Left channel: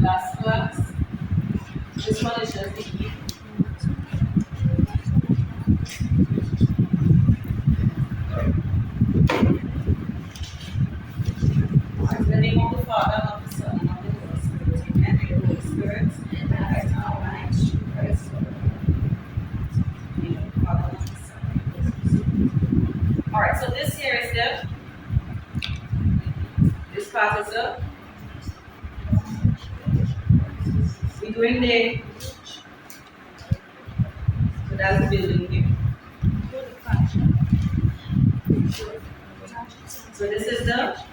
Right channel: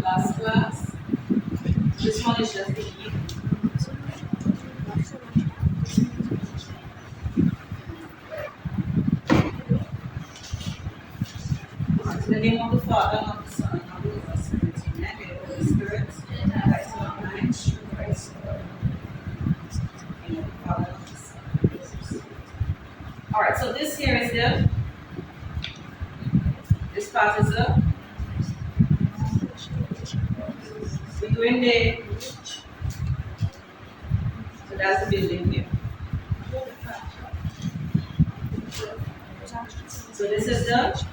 last class. This one is just the eve. Alright, the name of the Father, and of the Son, and of the Holy Spirit. Amen. The Holy Spirit. Right now, mind, Christ. Name of the Father, and of the Son. Alright, so this here is this part is we go in there. So that's the building here. So this is the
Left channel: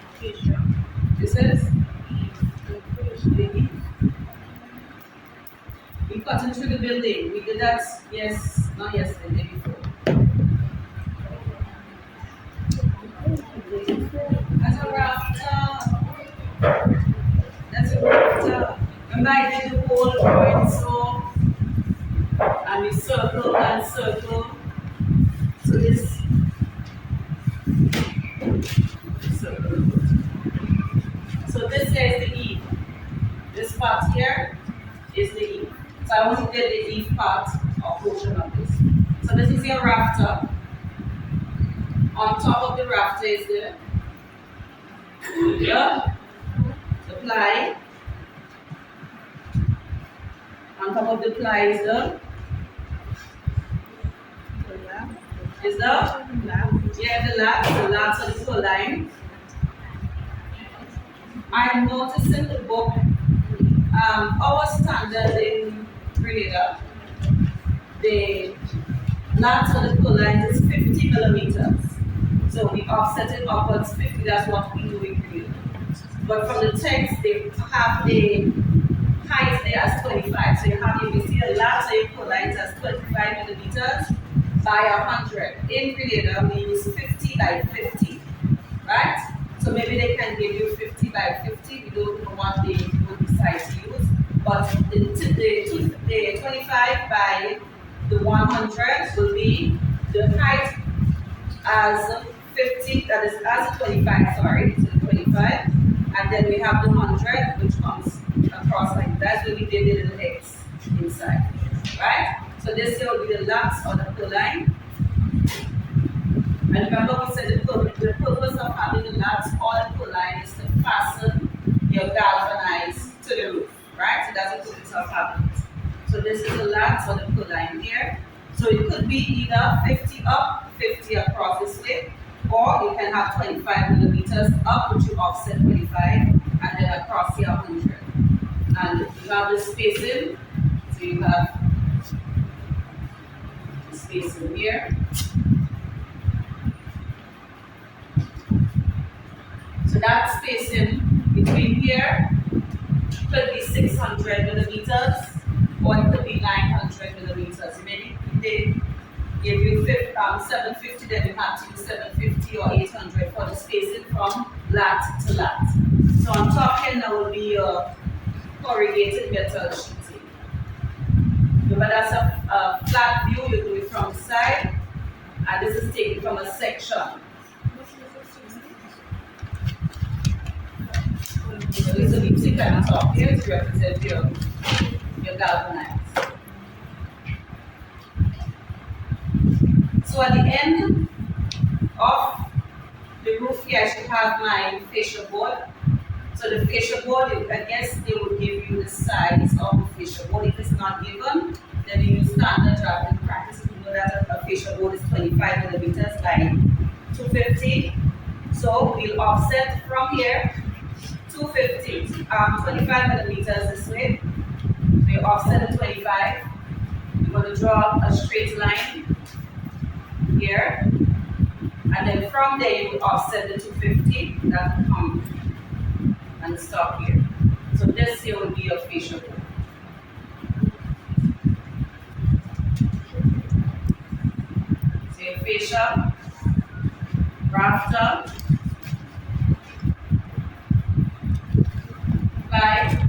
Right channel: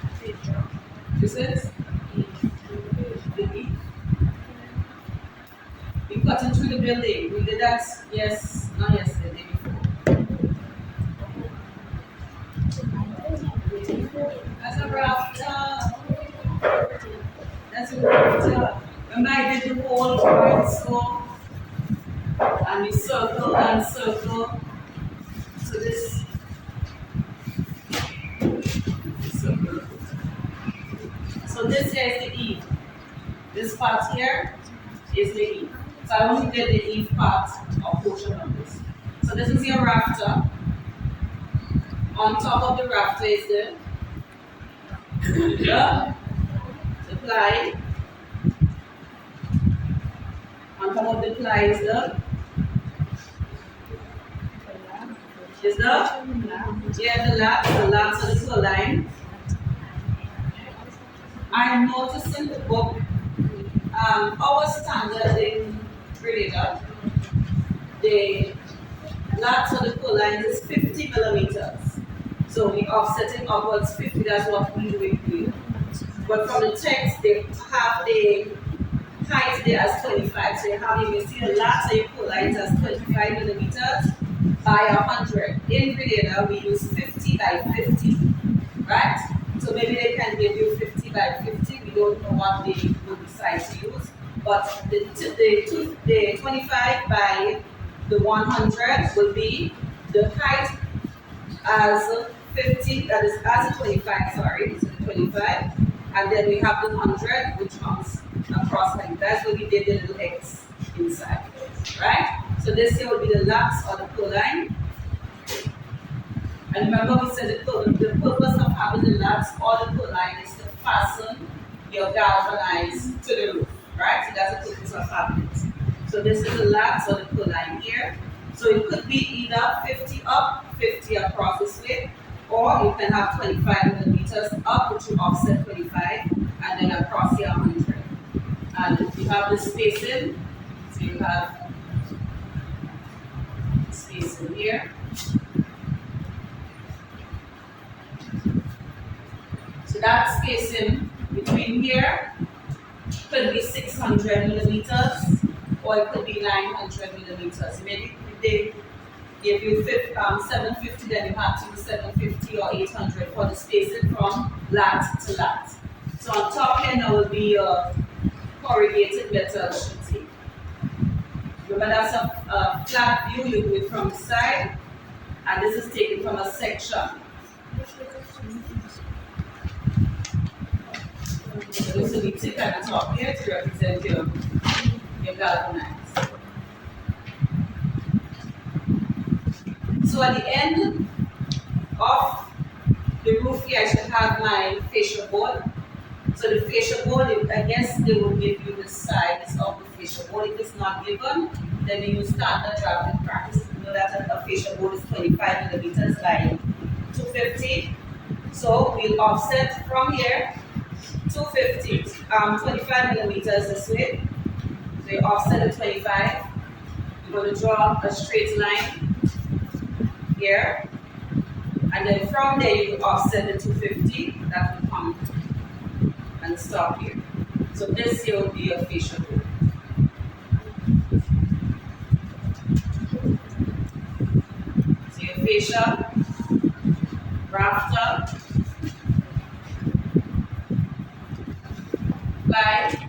we cut into the building. We did that not yesterday, the day before. That's a rafter. That's a rafter. Remember I did the whole point so and we circle and circle. So this circle. So this here is the eve. This part here is the eve. So I only did the eve part or portion of this. So this is your rafter. On top of the rafter is the ply. On top of the ply is the lats or the purline. I'm noticing the book, our standard in Grenada, the lats or the purline is 50 millimeters. So we offset it upwards 50, that's what we do in Grenada. But from the text, they have the height there as 25. So you have, you see the lats or the purlines as 25 millimeters by 100. In Grenada, we use 50 by 50, right? So maybe they can give you 50 by 50. We don't know what they will decide to use. But the 25 by the 100 will be the height as 50, that is as 25, sorry, so the 25. And then we have the 100, which comes across like that. So we did the little X inside, right? So this here will be the lats or the purline. And remember we said the purpose of having the lats or the purline is to fasten your galvanized to the roof, right? So that's the purpose of having it. So this is the lats or the purline here. So it could be either 50 up, 50 across this way, or you can have 25 millimeters up, which you offset 25, and then across your 100. And you have the spacing, so you have spacing here. So that spacing between here could be 600 millimeters or it could be 900 millimeters. Maybe if they give you 750, then you have to use 750 or 800 for the spacing from lat to lat. So on top here now will be your corrugated metal sheeting. Remember that's a flat view, you do it from the side, and this is taken from a section. So we stick at the top here to represent your galvanized. So at the end of the roof here, I should have my fascia board. So the fascia board, I guess they will give you the size of the fascia board. If it's not given, then we use standard drafting practice. We know that a fascia board is 25 millimeters by 250. So we'll offset from here 250, 25 millimeters this way. So you offset the 25. You're going to draw a straight line here. And then from there you will offset the 250. That will come and stop here. So this here will be your fascia board. So your fascia, rafter, ply,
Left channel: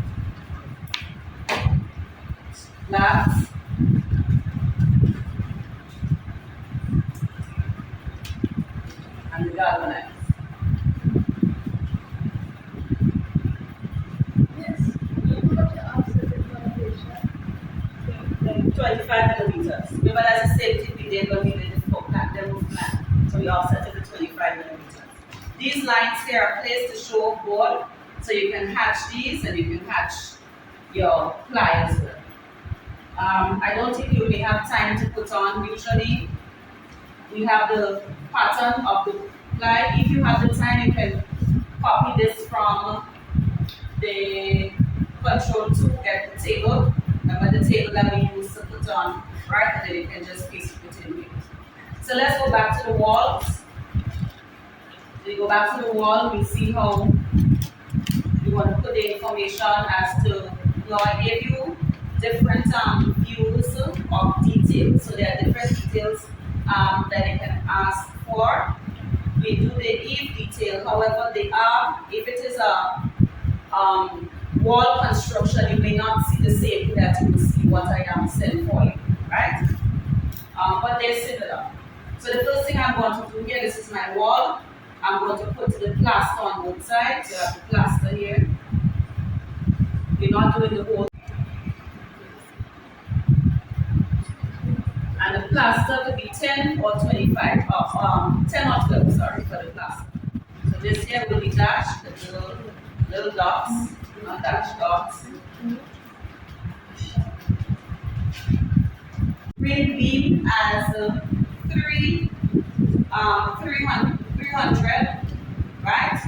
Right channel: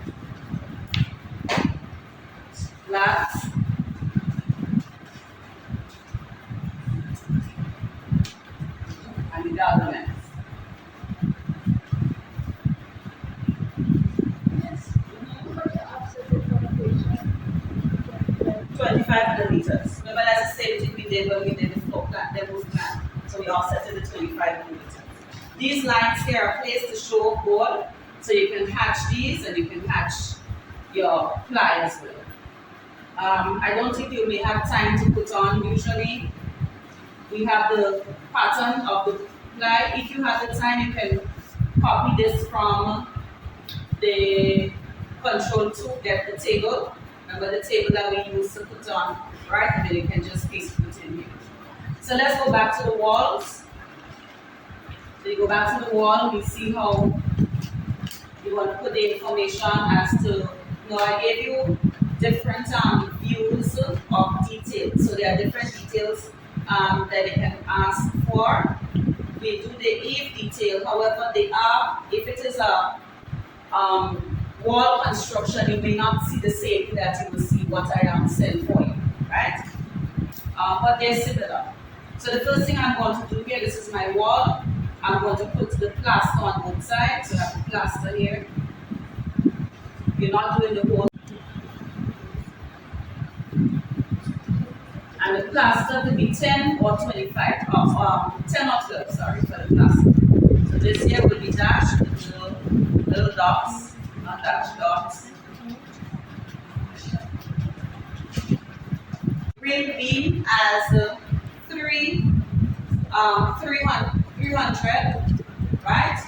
lats, and the galvanized. Yes. 25 millimeters. Remember, that's the same thing we did when we did the floor plan, the roof plan. So we offset it to 25 millimeters. These lines here are placed to show board, so you can hatch these and you can hatch your ply as well. I don't think you may have time to put on. Usually, we have the pattern of the ply. If you have the time, you can copy this from the control to get the table. Remember the table that we used to put on, right? And then you can just paste it in here. So let's go back to the walls. So you go back to the wall, we see how you want to put the information as to, I gave you different views of details. So there are different details that you can ask for. We do the if detail, however, they are, if it is a wall construction, you may not see the same thing that you will see what I am saying for you, right? But they're similar. So the first thing I'm going to do here, this is my wall. I'm going to put the plaster on both sides. So I have the plaster here. You're not doing the whole. And the plaster could be 10 or 25, 10 or 12, sorry, for the plaster. So this here will be dashed, the little dots, not dash dots. Ring beam as 300, right?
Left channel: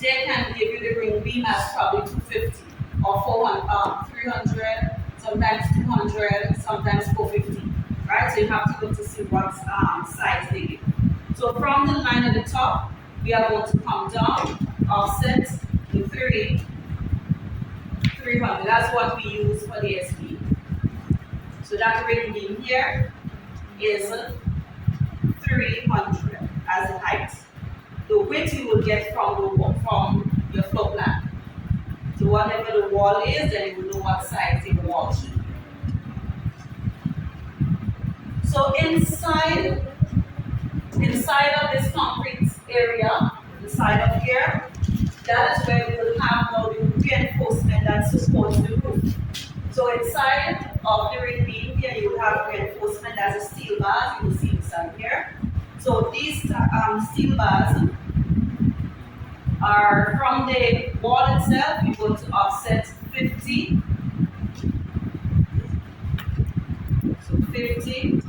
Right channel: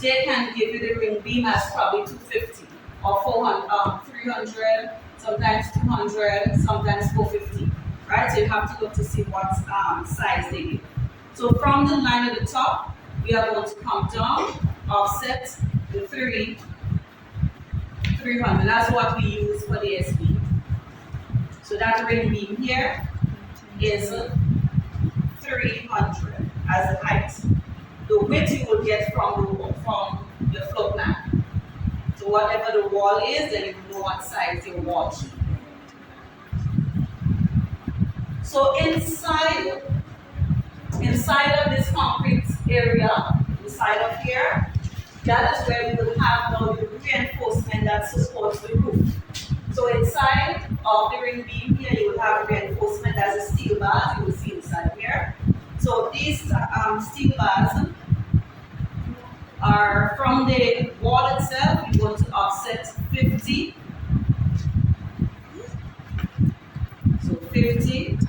They can give you the ring beam as probably 250 or 400, 300, sometimes 200, sometimes 450, right? So you have to look to see what size they give. So from the line at the top, we are going to come down, offset the 300. That's what we use for the SB. So that ring beam here is 300 as the height. The width you will get from your floor plan. So whatever the wall is, then you will know what size your wall should be. So inside of this concrete area, inside of here, that is where we will have the reinforcement that supports the roof. So inside of the ring beam here, you will have reinforcement as a steel bars. You will see inside here. So these steel bars are from the wall itself. You're going to offset 50. So 50,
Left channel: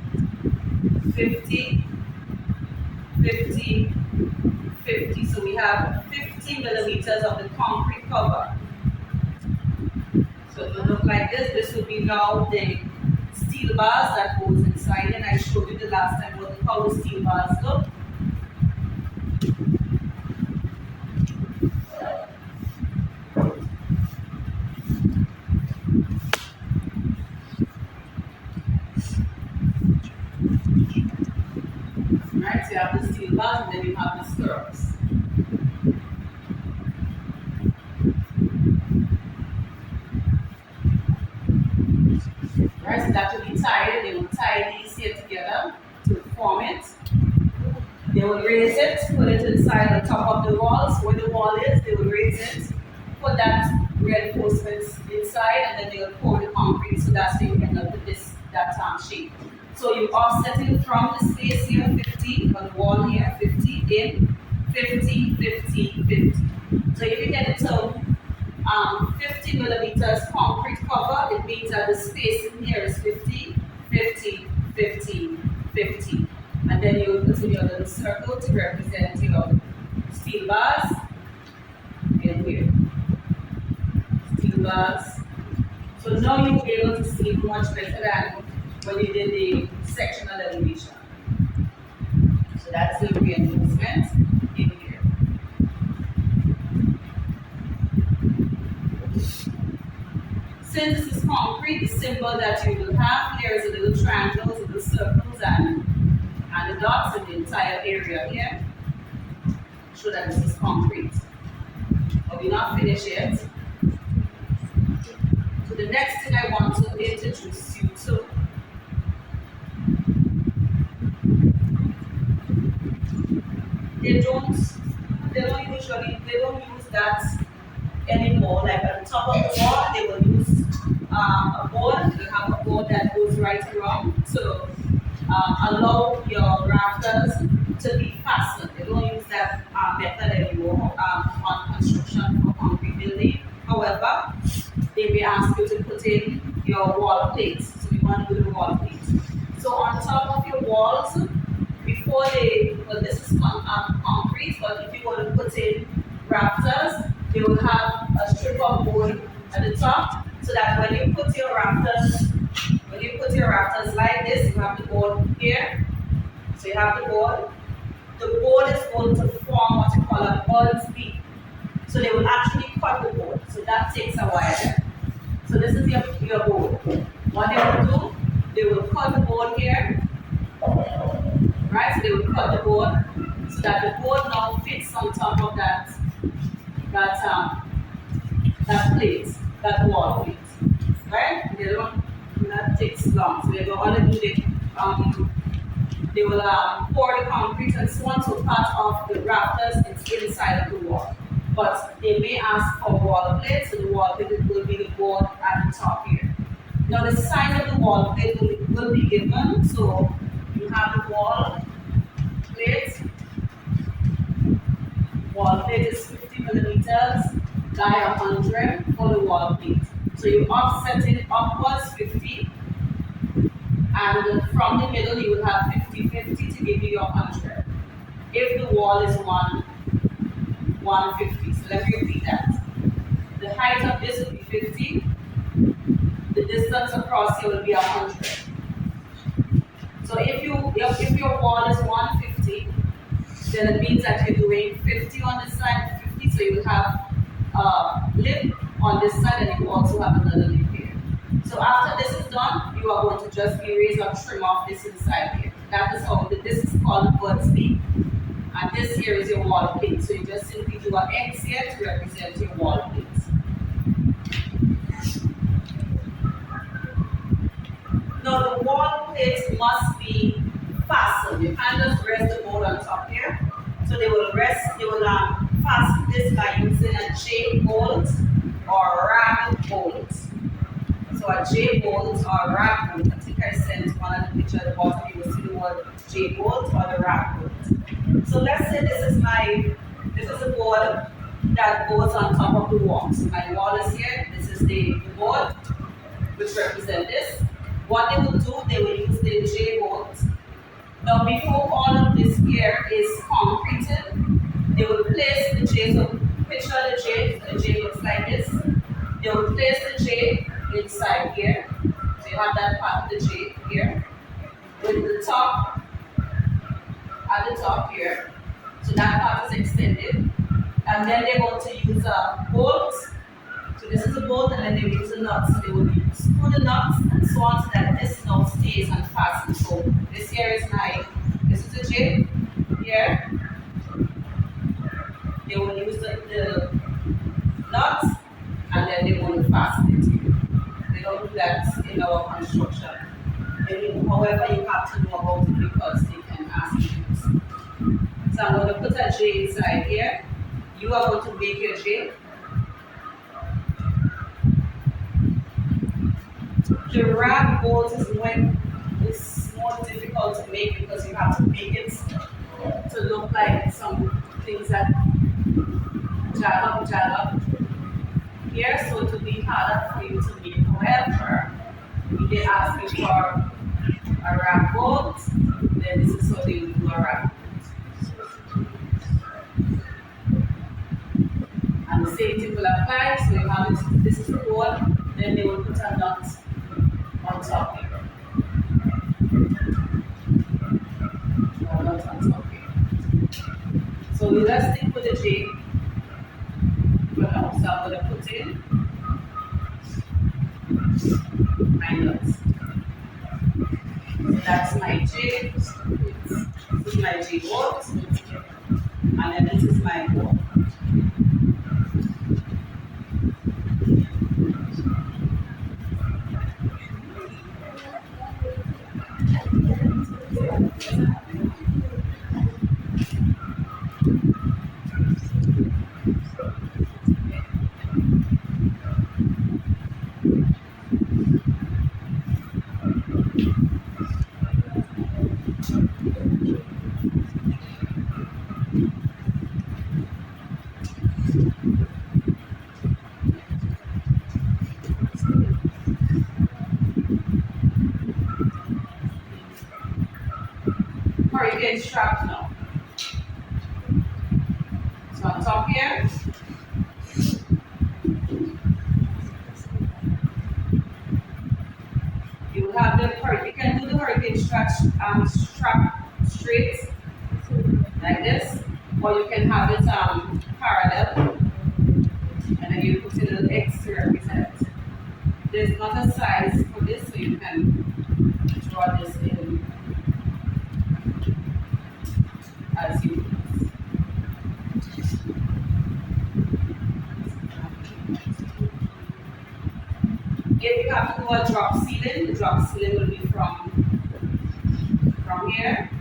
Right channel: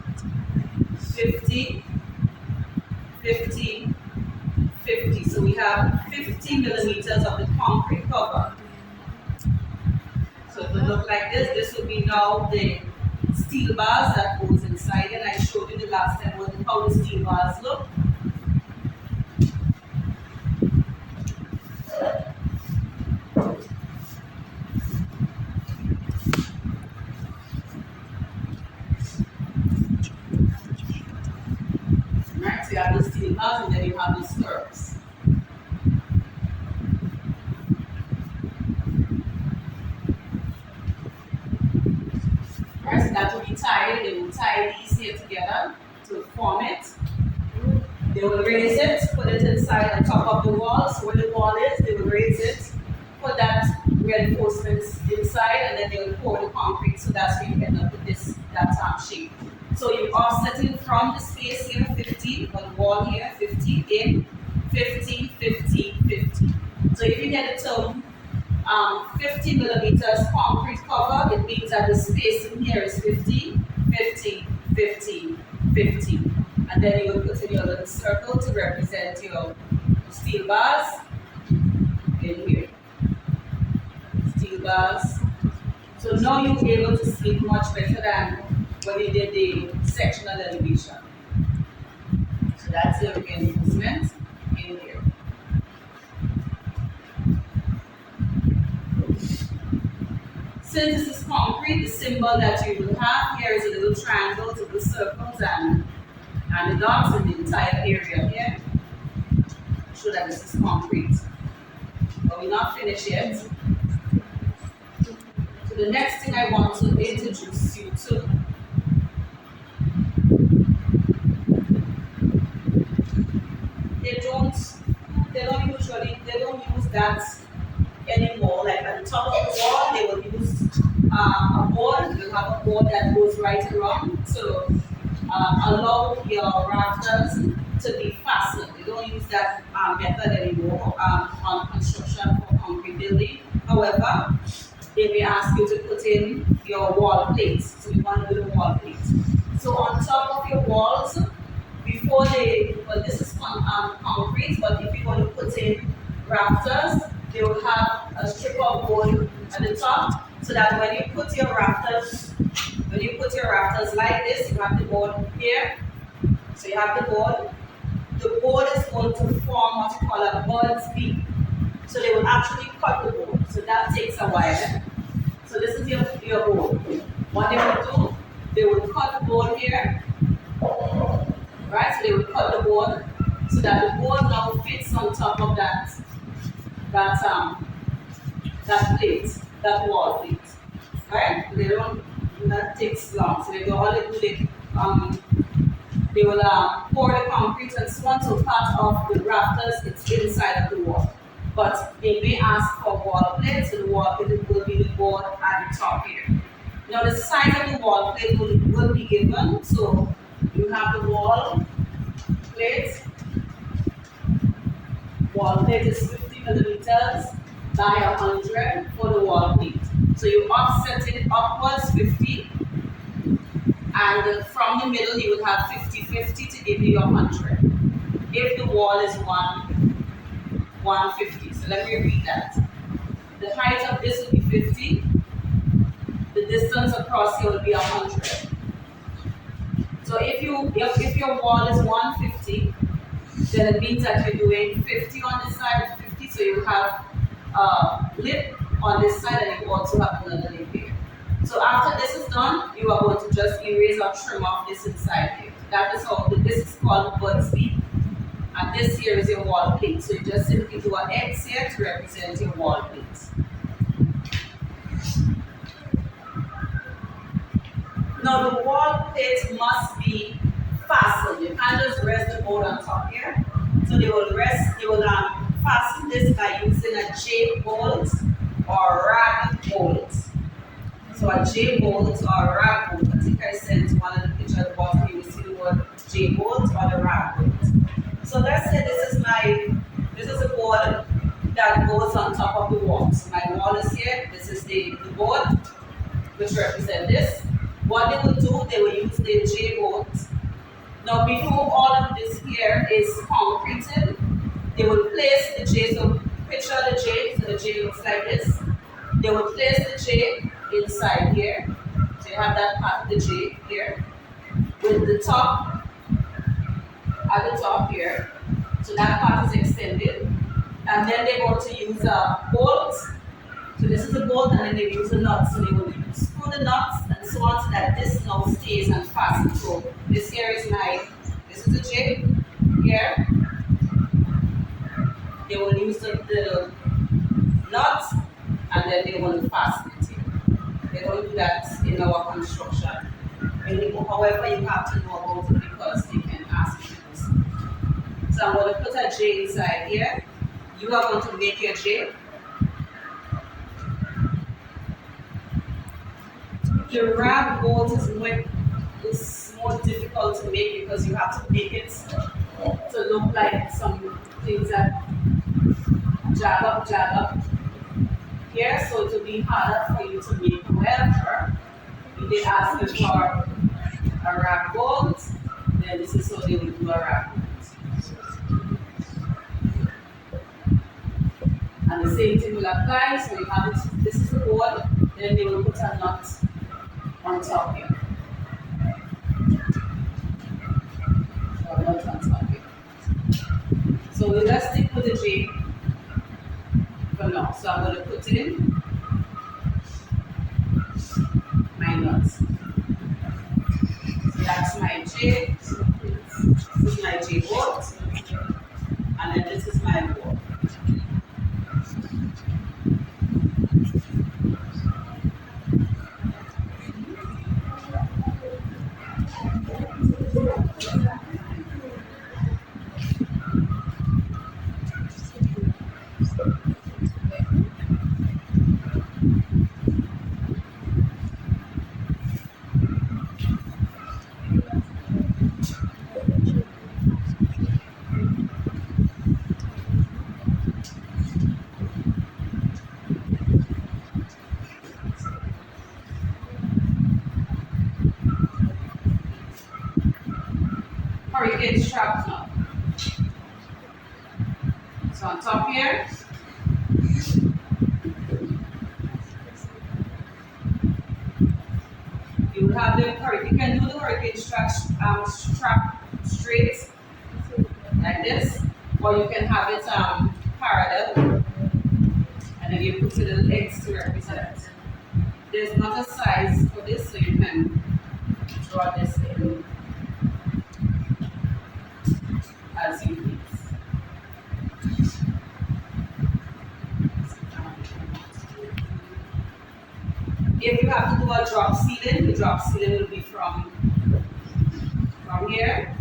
50, 50, 50. So we have 50 millimeters of the concrete cover. So it will look like this. This will be now the steel bars that goes inside, and I showed you the last time how the steel bars look. Right, so you have the steel bars and then you have the stirrups. Right, so that will be tied. They will tie these here together to form it. They will raise it, put it inside on top of the wall. So where the wall is, they will raise it, put that reinforcements inside, and then they will pour the concrete. So that's where you end up with that shape. So you offset it from the space here, 50, on the wall here, 50, in, 50, 50, 50. So if you get the term 50 millimeters concrete cover, it means that the space in here is 50, 50, 50, 50. And then you will put in your little circle to represent your steel bars in here. Steel bars. So now you'll be able to see it much better than when you did the sectional elevation. So that's the reinforcement in here. Since this is concrete, the symbol that you will have here is a little triangles, little circles, and the dots in the entire area here. Show that this is concrete. But we're not finished yet. So the next thing I want to introduce you to they don't use that anymore. Like at the top of the wall, they will use a board. They'll have a board board that goes right around to allow your rafters to be fastened. They don't use that method anymore on construction for concrete building. However, they may ask you to put in your wall plates. So we want to do the wall plates. So on top of your walls, before well, this is concrete, but if you want to put in rafters, they will have a strip of board at the top, so that when you put your rafters, like this, you have the board here. So you have the board. The board is going to form what you call a bird's beak. So they will actually cut the board. So that takes a while. So this is your board. What they will do, they will cut the board here. Right? So they will cut the board so that the board now fits on top of that plate, that wall plate. Right? They don't, that takes long. So they will only do they will pour the concrete and so on, so part of the rafters it's inside of the wall. But they may ask for wall plates, so the wall plate will be the board at the top here. Now the size of the wall plate will be given, so you have the wall plate. Wall plate is 50 millimeters by 100 for the wall plate. So you offset it upwards 50, and from the middle you will have 50-50 to give you your 100. If the wall is 150, so let me repeat that. The height of this will be 50, the distance across here will be 100. So if your wall is 150, then it means that you're doing 50 on this side, 50, so you have a lip on this side and you also have another lip here. So after this is done, you are going to just erase or trim off this inside here. That is how this is called bird's beak. And this here is your wall plate. So you just simply do an X here to represent your wall plate. Now the wall plate must be fastened. You can't just rest the board on top here. So they will fasten this by using a J bolt or rag bolt. So a J bolt or rag bolt. I think I sent one of the pictures at the bottom. You will see the word J bolt or the rag bolt. So let's say this is a board that goes on top of the wall. So my wall is here. This is the board which represents this. What they will do, they will use the J bolt. Now before all of this here is concreted, they will place the J. So picture the J. So the J looks like this. They will place the J inside here. So you have that part of the J here. With the top at the top here. So that part is extended. And then they're going to use a bolt. So this is a bolt, and then they use a nut. So they will screw the nuts and so on so that this now stays and fastens. So this here is this is a J here. They will use the nut and then they want to fasten it here. They don't do that in our construction anymore. However, you have to know about it because they can ask you to do so. So I'm going to put a J inside here. You are going to make your J. The rag bolt is more difficult to make because you have to make it to look like some things that jag up here, so it will be harder for you to make. However, if they ask you for a rag bolt, then this is how they will do a rag bolt. And the same thing will apply. So you have this is the board, then they will put a nut on top here. A nut on top here. So we just stick with the J for now. So I'm going to put in my nuts. So that's my J. This is my J bolt. And then this is my board. hurricane strap now. So on top here, you will have the hurricane. You can do the hurricane strap straight like this, or you can have it parallel, and then you put a little X to represent. There's not a size for this, so you can draw this in as you please. If you have to do a drop ceiling, the drop ceiling will be from here.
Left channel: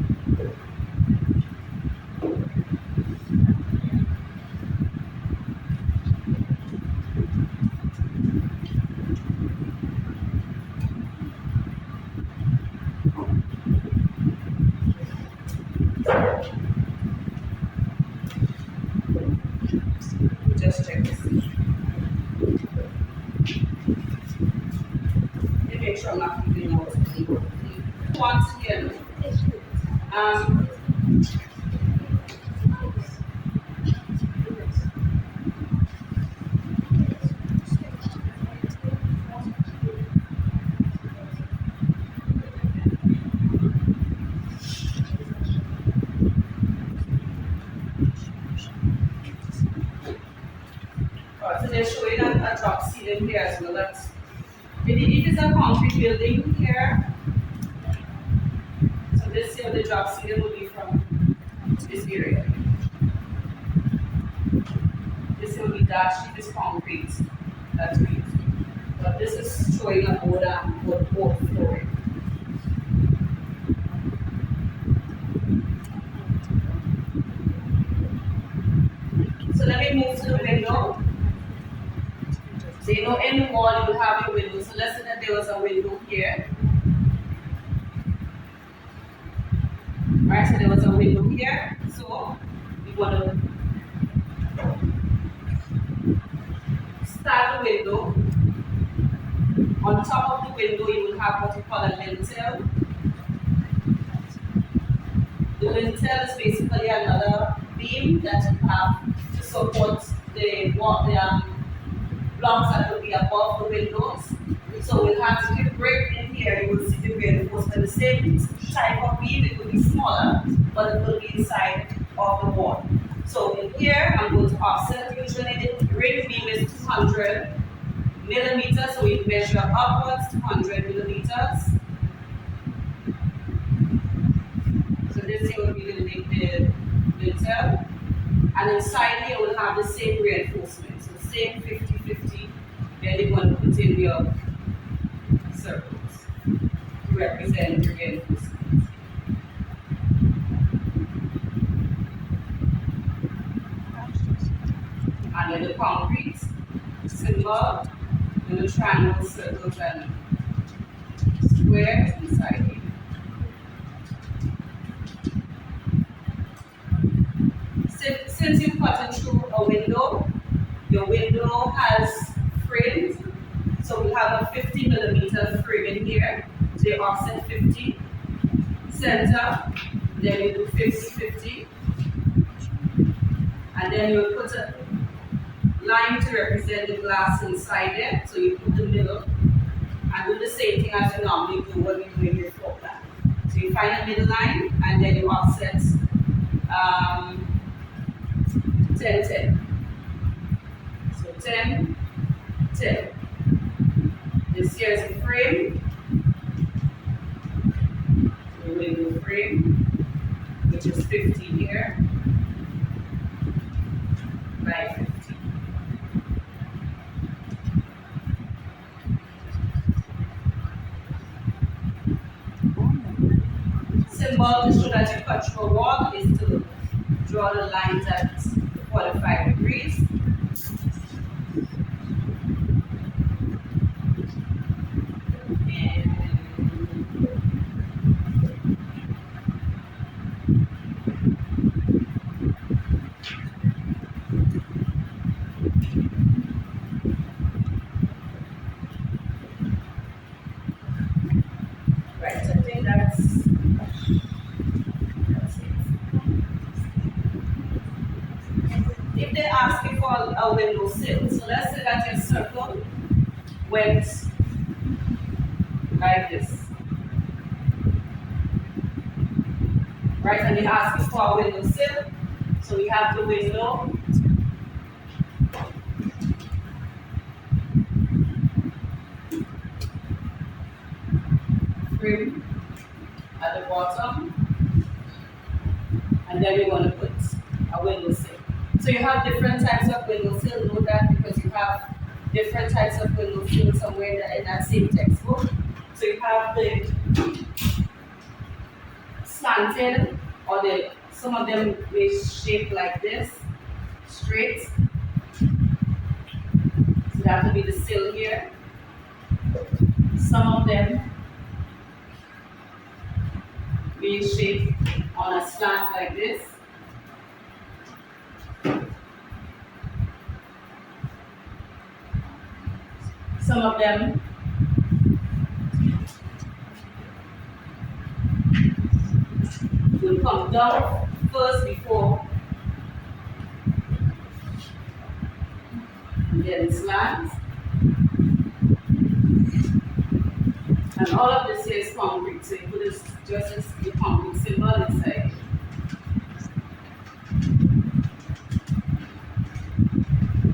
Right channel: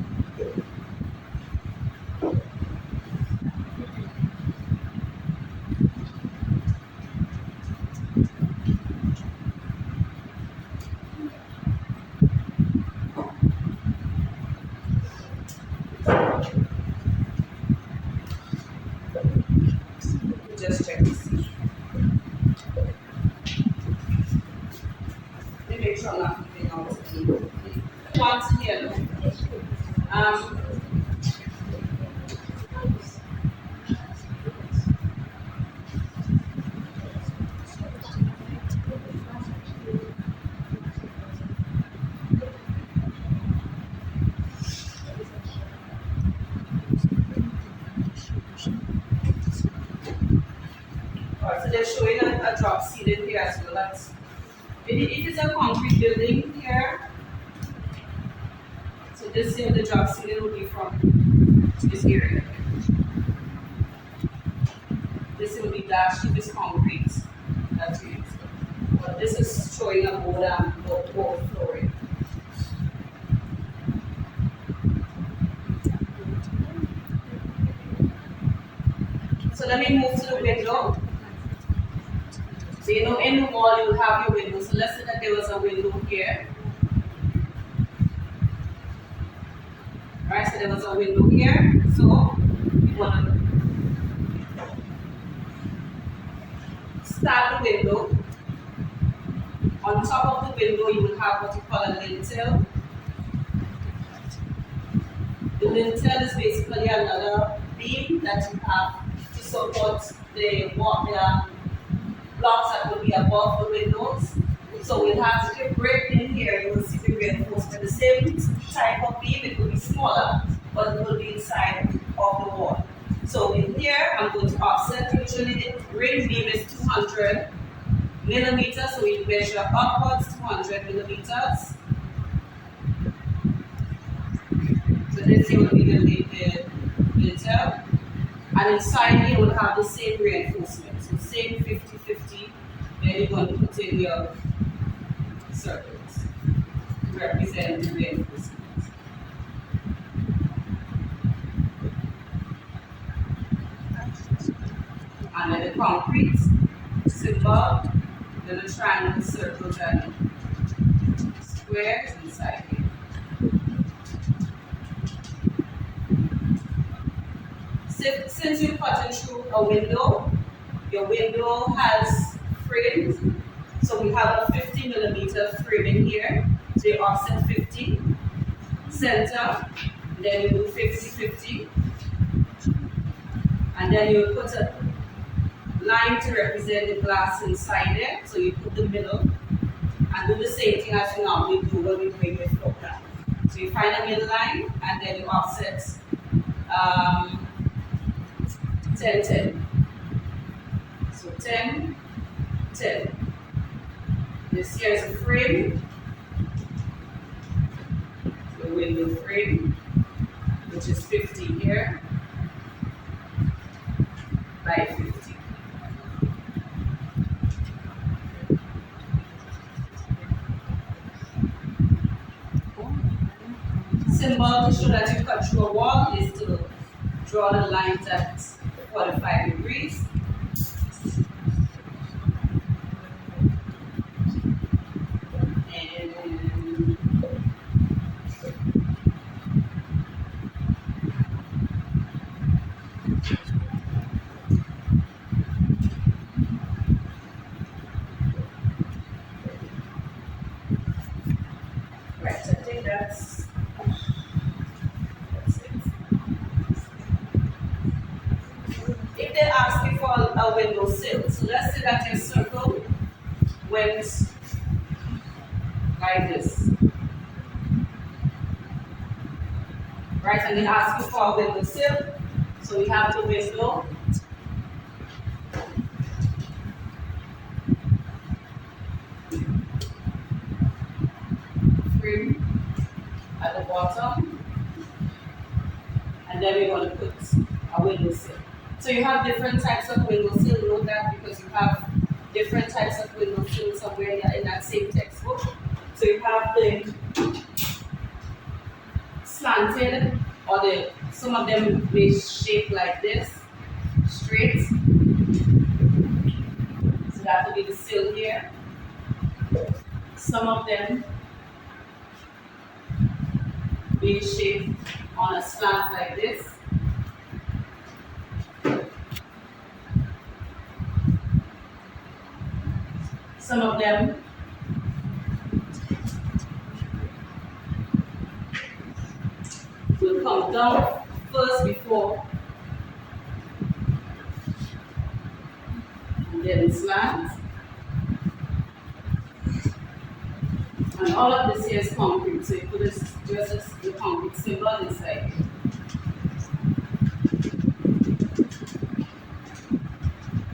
Just check this. Let me make sure I'm not leaving out anything. Once here, so they're showing a drop ceiling here as well. That's, if it's a concrete building here, so this here, the drop ceiling will be from this area. This will be dashed if it's concrete. That's it. But this is showing a board flooring. So let me move to the window. So you know in the wall you will have your window. So let's say that there was a window here. Right, so there was a window here. So you want to start the window. On top of the window you will have what you call a lintel. The lintel is basically another beam that you have to support the blocks that will be above the windows. So we'll have to break in here, you will see the reinforcement. The same type of beam, it will be smaller, but it will be inside of the wall. So in here, I'm going to offset. Usually the ring beam is 200 millimeters, so we measure upwards 200 millimeters. So this here will be the lintel. And inside here we'll have the same reinforcement. So same 50-50. Then you're going to put in your circles to represent the reinforcement. And then the concrete symbol, then the triangle, circles, and squares inside here. Since you're cutting through a window, your window has frames. So we have a 50 millimeter frame in here. So you offset 50, center, then you do 50-50. And then you put a line to represent the glass inside it. So you put the middle and do the same thing as you normally do when we're doing your floor plan. So you find a middle line and then you offset 10-10. So 10-10. This here is a frame, the window frame, which is 50 here by 50. Symbol to show that you cut through a wall is to draw the lines at 45 degrees. Right, so I think that's for a window sill. So let's say that your circle went like this. Right, and they ask you for a window sill. So we have the window. Frame at the bottom. And then we're going to put a window sill. So you have different types of window sill. Note that because you have different types of window sill somewhere in that same textbook. So you have the slanted, or some of them may shape like this, straight. So that will be the sill here. Some of them may shape on a slant like this. Some of them will come down first before and then slant. And all of this here is concrete, so you put this just as the concrete symbol inside.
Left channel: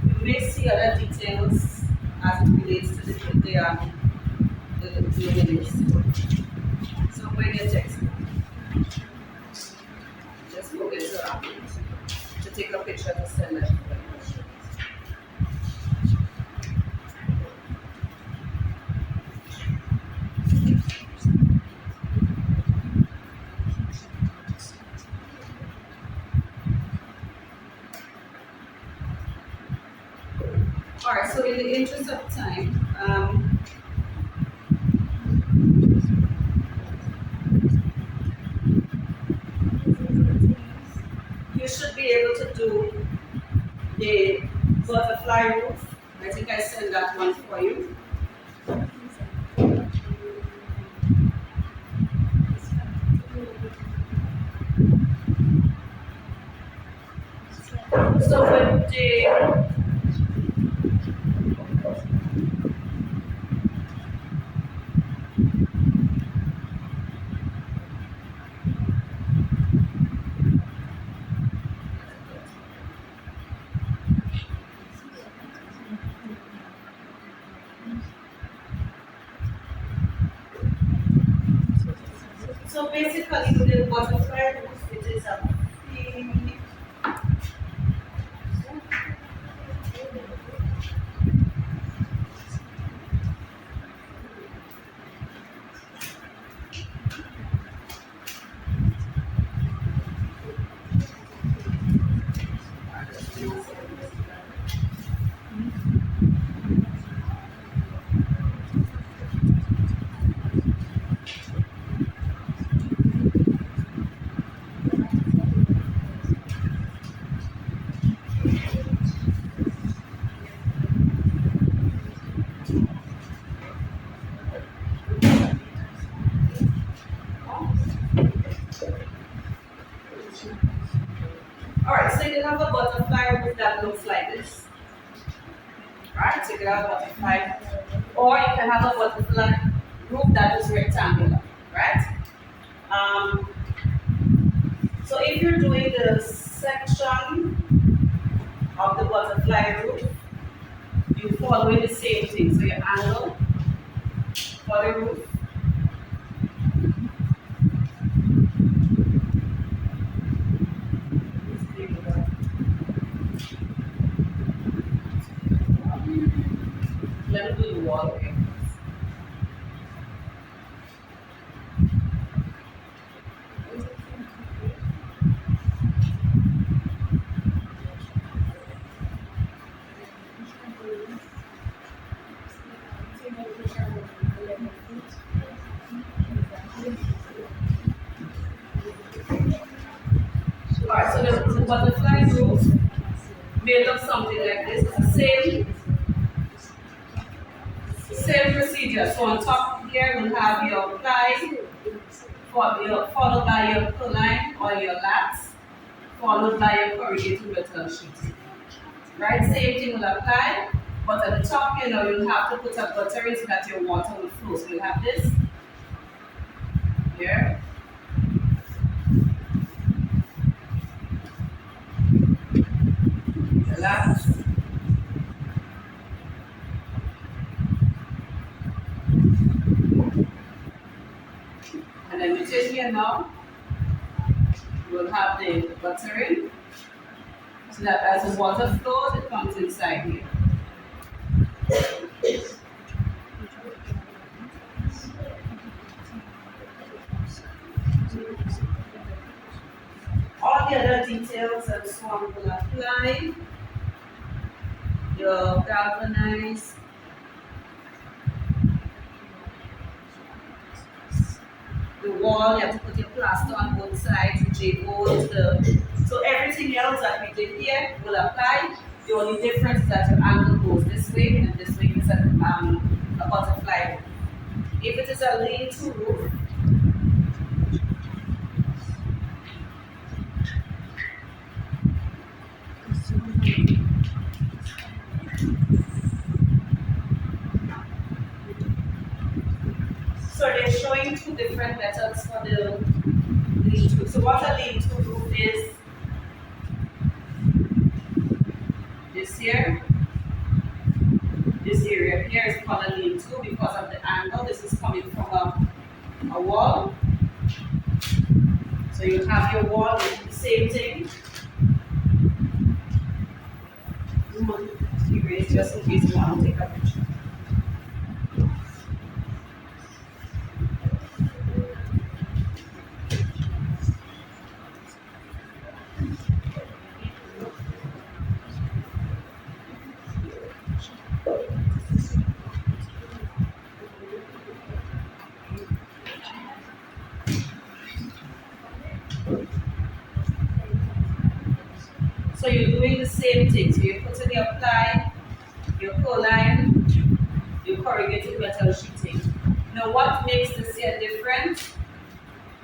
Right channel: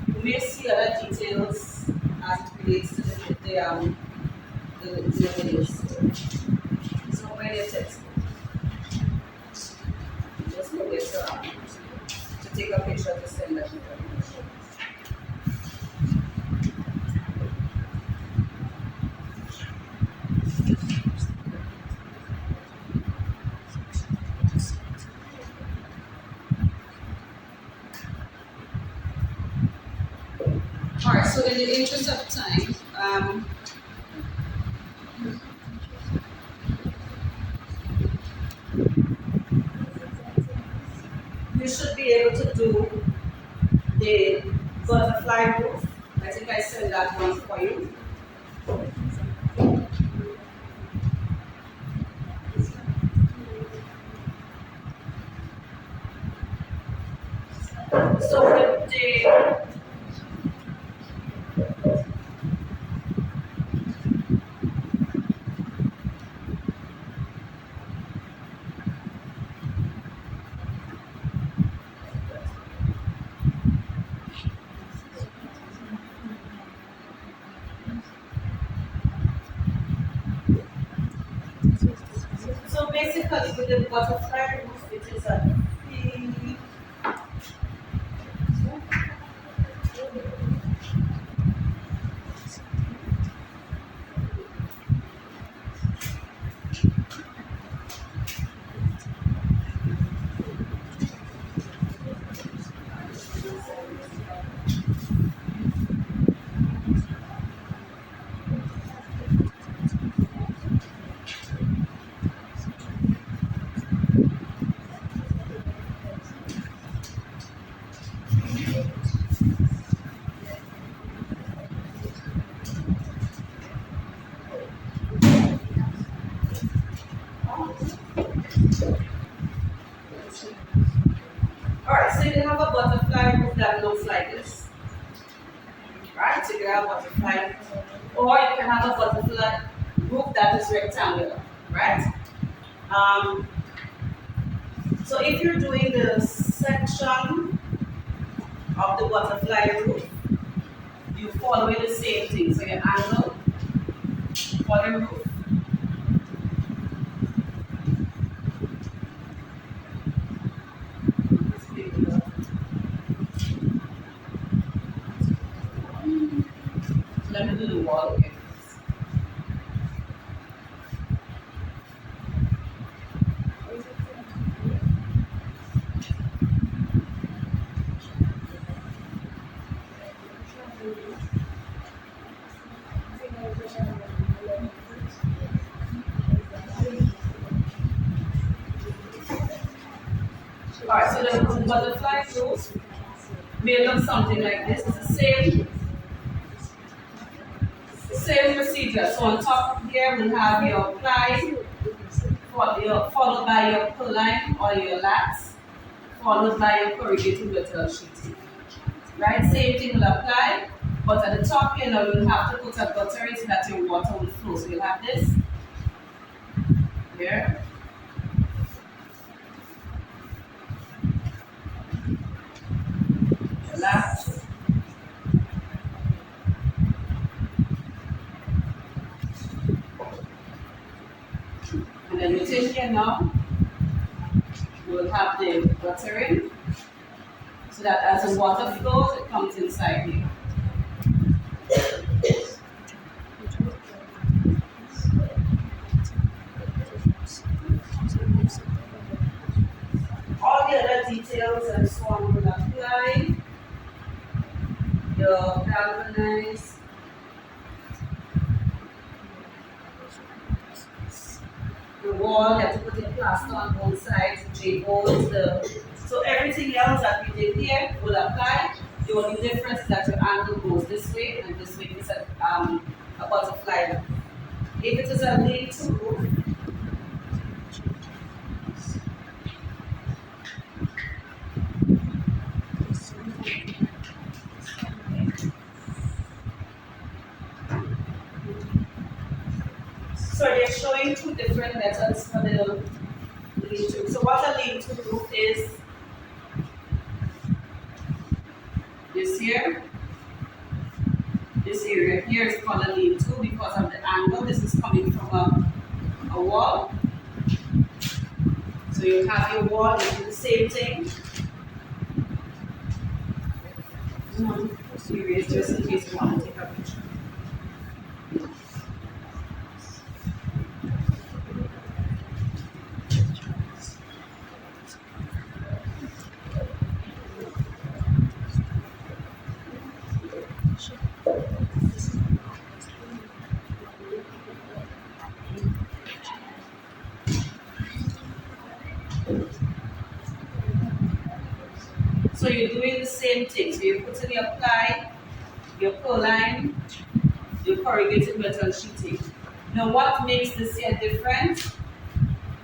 You may see other details as it relates to the village. So when your textbook, just forget to take a picture to send that. Alright, so in the interest of time, you should be able to do the butterfly roof. I think I sent that one for you. So with the So basically with the butterfly roof, it is a free. Alright, so you can have a butterfly roof that looks like this. Right? So you can have a butterfly, or you can have a butterfly roof that is rectangular, right? So if you're doing the section of the butterfly roof, you follow the same thing. So your angle for the roof. Let me do the wall again. Alright, so the butterfly roof made of something like this. It's the same procedure. So on top here we'll have your ply, followed by your purline or your lats, followed by your corrugated metal sheeting. right? Same thing will apply, but at the top here now you'll have to put a gutter in so that your water will flow. So you'll have this here. Relax. And then within here now, we'll have the guttering so that as the water flows, it comes inside here. All the other details and so on will apply. Your galvanized the wall, you have to put your plaster on both sides, J-bolts, so everything else that we did here will apply. The only difference is that your angle goes this way and this way is a butterfly roof. If it is a lean-to roof, so they're showing two different methods for the lean-to. So what a lean-to roof is, this here, this area here is called a lean-to because of the angle. This is coming from a wall. So you have your wall, you do the same thing. Erase just in case you want to take a picture. So you're doing the same thing. So you're putting your ply, your line, your corrugated metal sheeting. Now what makes this here different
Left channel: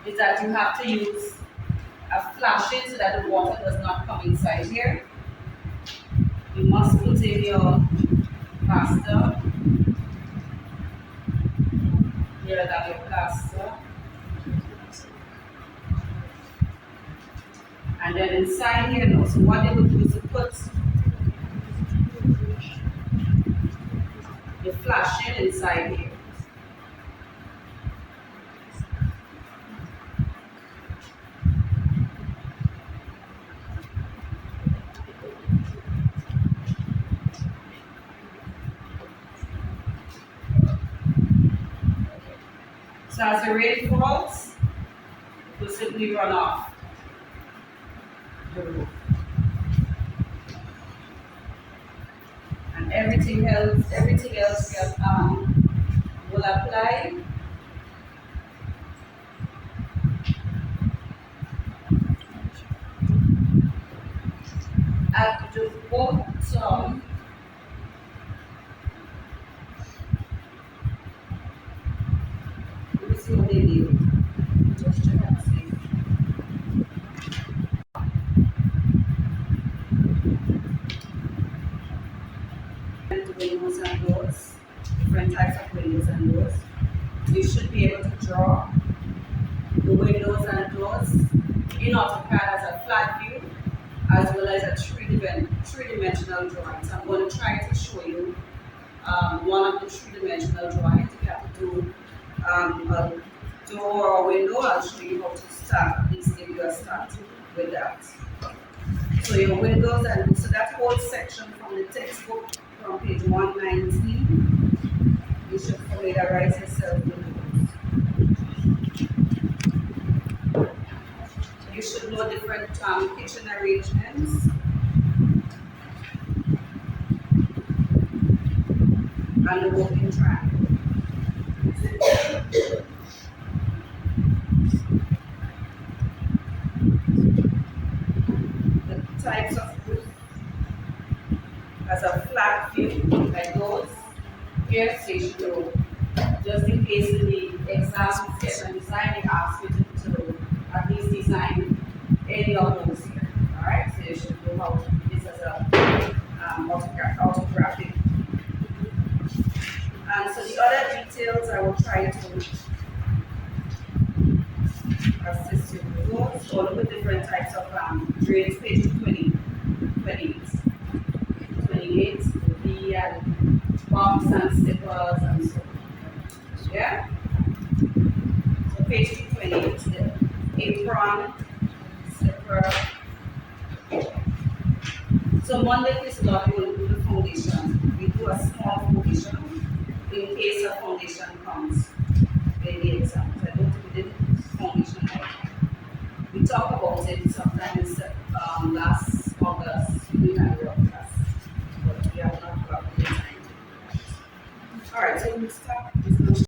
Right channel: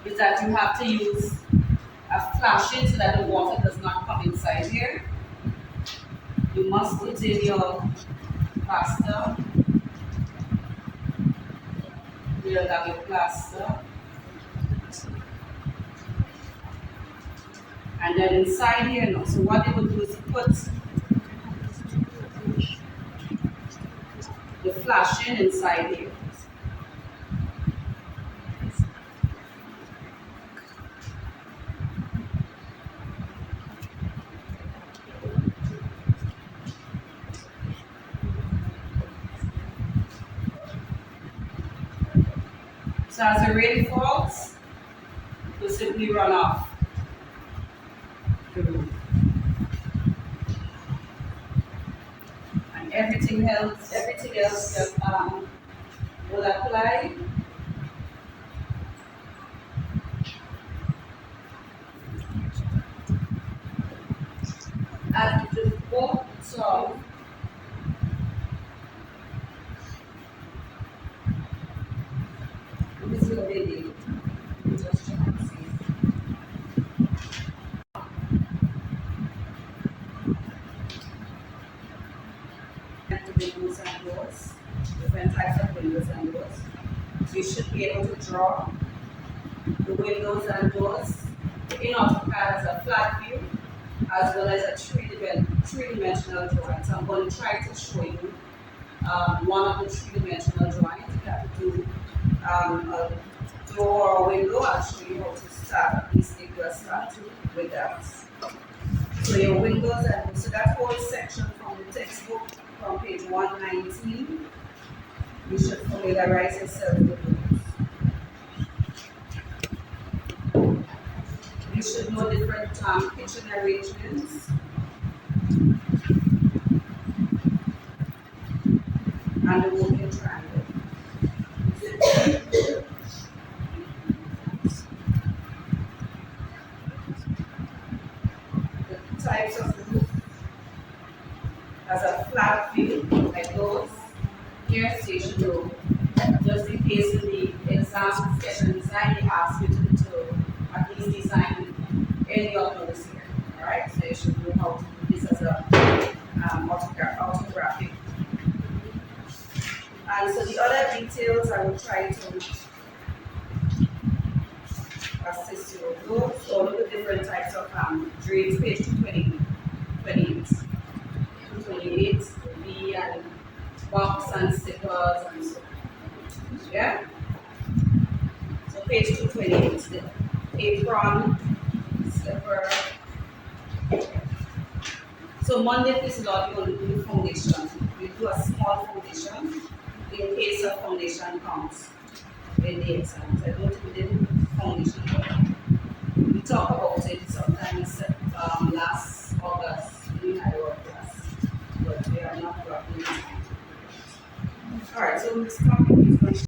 is that you have to use a flashing so that the water does not come inside here. You must put in your plaster. Here you have your plaster. And then inside here now, so what they would do is to put the flashing inside here. So as the rain falls, it will simply run off the roof. And everything else will apply. At the bottom, let me see what they do. Just check and see. Windows and doors, different types of windows and doors. You should be able to draw the windows and doors in AutoCAD as a flat view as well as a three-dimensional drawing. So I'm going to try to show you one of the three-dimensional drawings. If you have to do a door or a window, I'll show you how to start, at least give you a start with that. So your windows and so that whole section from the textbook from page 119, you should familiarize yourself with those. You should know different kitchen arrangements. And the working triangle. The types of roof as a flat view, like those. Here, station row. Just in case in the exam sketch and design, they ask you to at least design any of those here. Alright, so you should know how to do this as a orthographic. And so the other details I will try to assist you with those. So look at different types of grades, page 28. 28, the V and box and stickers and so on. Yeah? So page 228, the apron, slipper. So Monday, this is not going to do the foundation. We do a small foundation in case a foundation comes in the exams. I don't think we did foundation. We talked about it sometimes last August in our class, but we are not got any time. All right, so we'll start with this one.